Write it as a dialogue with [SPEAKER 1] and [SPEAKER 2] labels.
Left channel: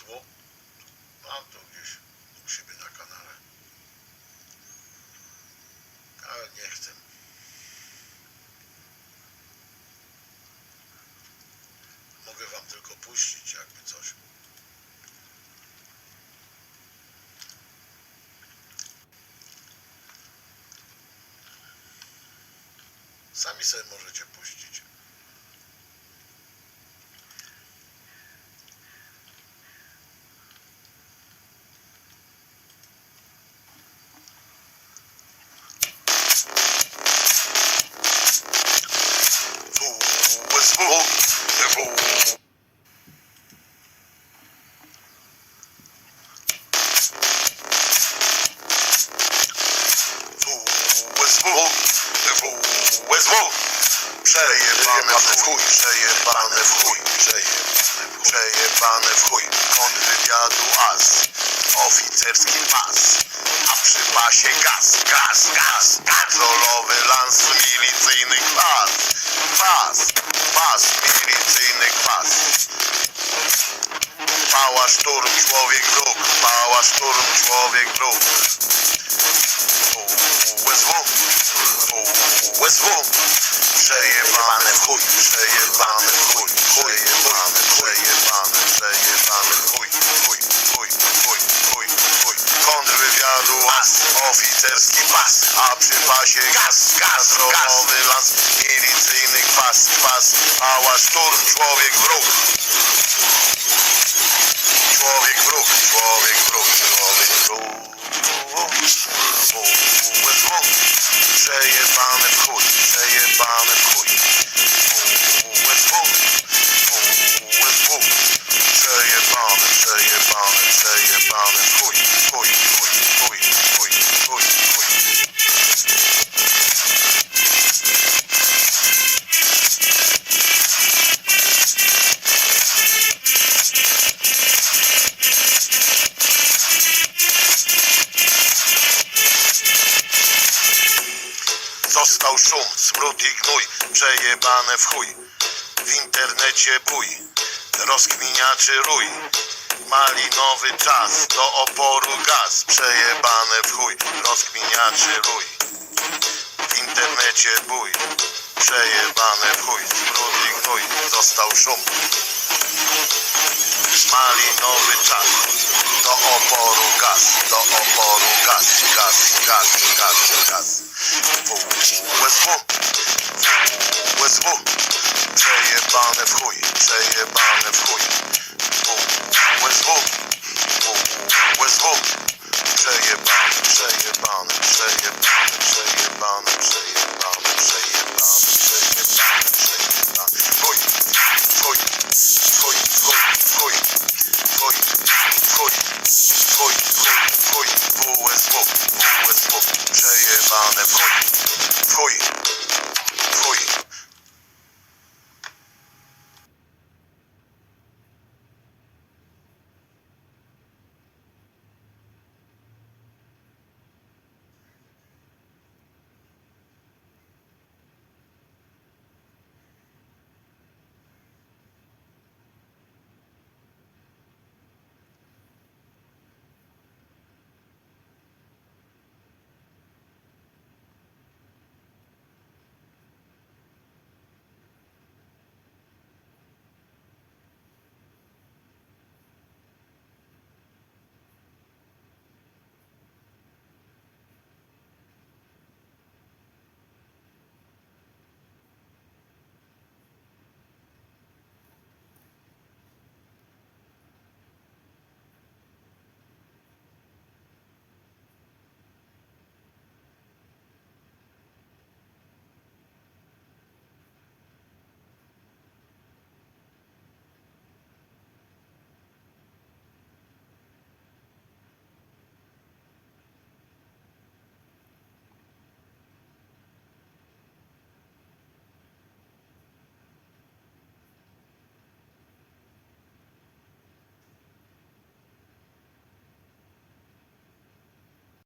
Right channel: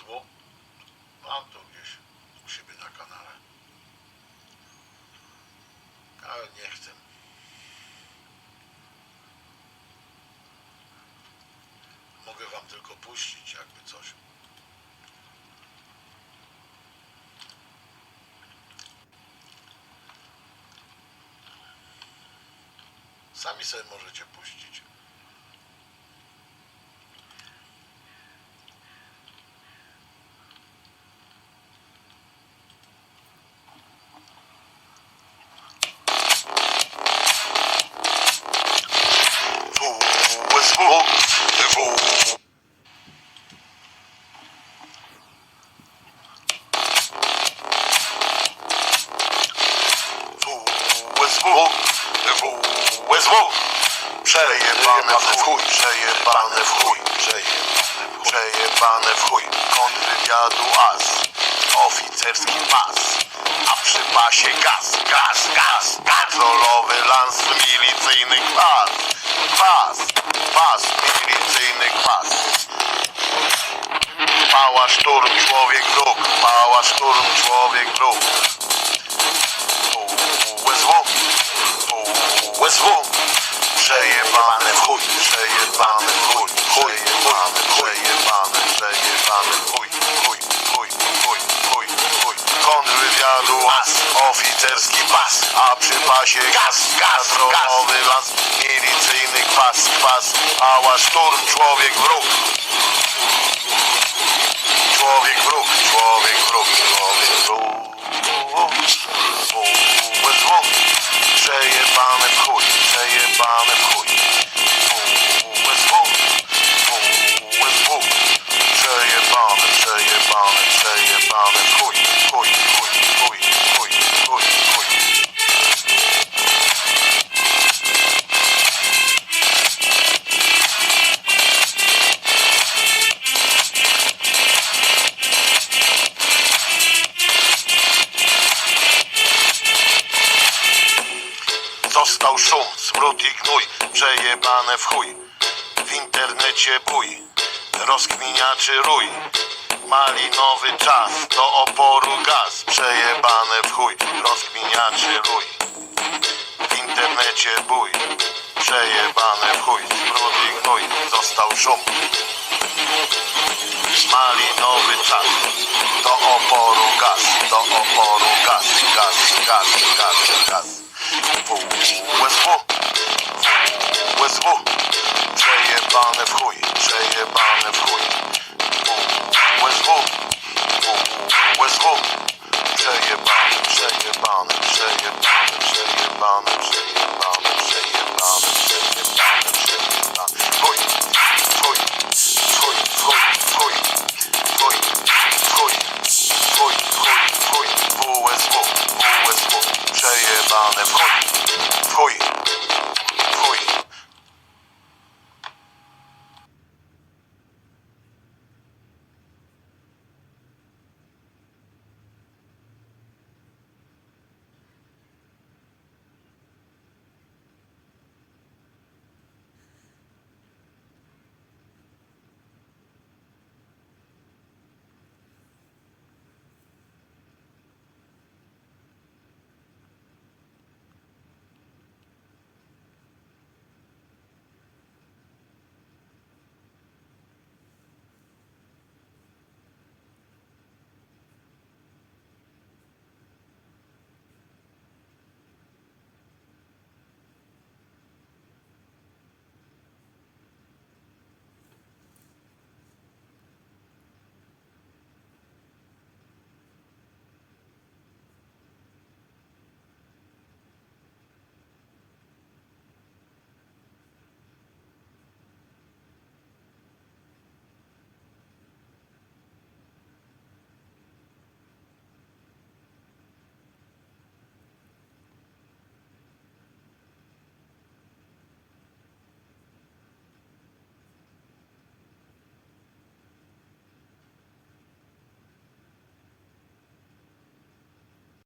[SPEAKER 1] USW? Mam to gdzieś u siebie na kanale. Ale nie chcę. Mogę wam tylko puścić jakby coś. Sami sobie możecie puścić. USW. Przejebane w chuj, przejebane w chuj, przejebane w chuj, przejebane w chuj. Kontrwywiadu as, oficerski pas, a przy pasie gaz, gaz, gaz, patrolowy lans milicyjny kwas, kwas, pas, milicyjny kwas. Pała szturm, człowiek wróg, pała szturm, człowiek wróg. USW, USW. Przejebane w chuj, przejebane w chuj, przejebane, przejebane, przejebane w chuj, chuj, chuj, chuj, chuj, chuj. Kontrwywiadu as, oficerski pas, a przy pasie gaz, gaz, drogowy las, milicyjny kwas, kwas, pała szturm, człowiek wróg. Człowiek wróg, człowiek wróg, człowiek szum, smród i gnój, przejebane w chuj. W internecie bój, rozkminiaczy rój. Malinowy czas, do oporu gaz, przejebane w chuj, rozkminiaczy rój. W internecie bój, przejebane w chuj, smród i gnój, został szum. Malinowy czas, do oporu gaz, do oporu gaz, gaz, gaz, gaz, gaz. USW USW Przejebane w chuj, przejebane w chuj. USW USW Przejebane, przejebane, przejebane, przejebane, przejebane, przejebane, przejebane, przejebane. Chuj, chuj, chuj, chuj, chuj, chuj, chuj, chuj, chuj, chuj. USW, USW Przejebane w chuj twoich.